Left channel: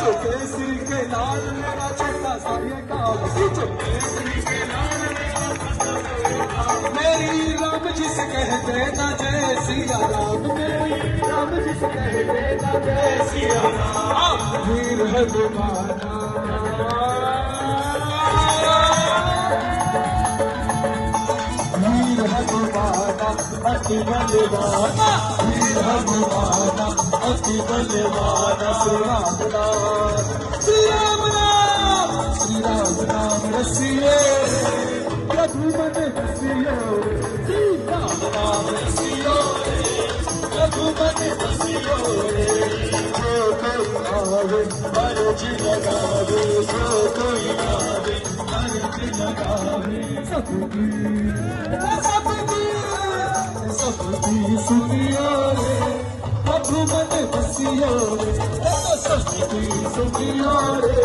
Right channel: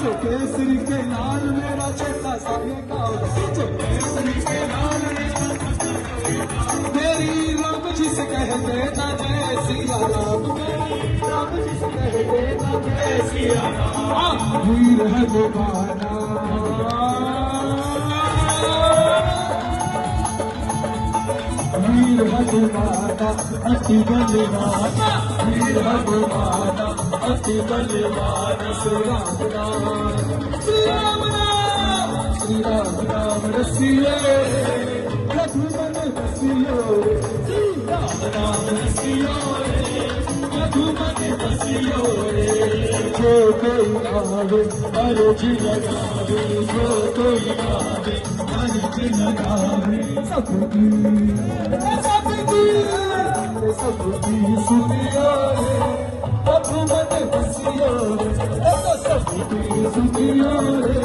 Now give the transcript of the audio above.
केसरी के लाल मेरा छोटा सा ये कागज केसरी के लाल मेरी राम जी से कहते ना जय सिया राम मेरी राम जी से कहते ना जय सिया राम वीर है तुम्हारा वीर है तुम्हारा अति बलवाना वीर है तुम्हारा अति बलवाना श्री राम राम रसिए रघुपत रसियो श्री राम राम रसियो रघुपत रसियो जो कोई आवे अर्ज लगावे जो कोई आवे अर्ज लगावे सबकी सुनियो रे रघुपत रसियो सबकी सुनियो रे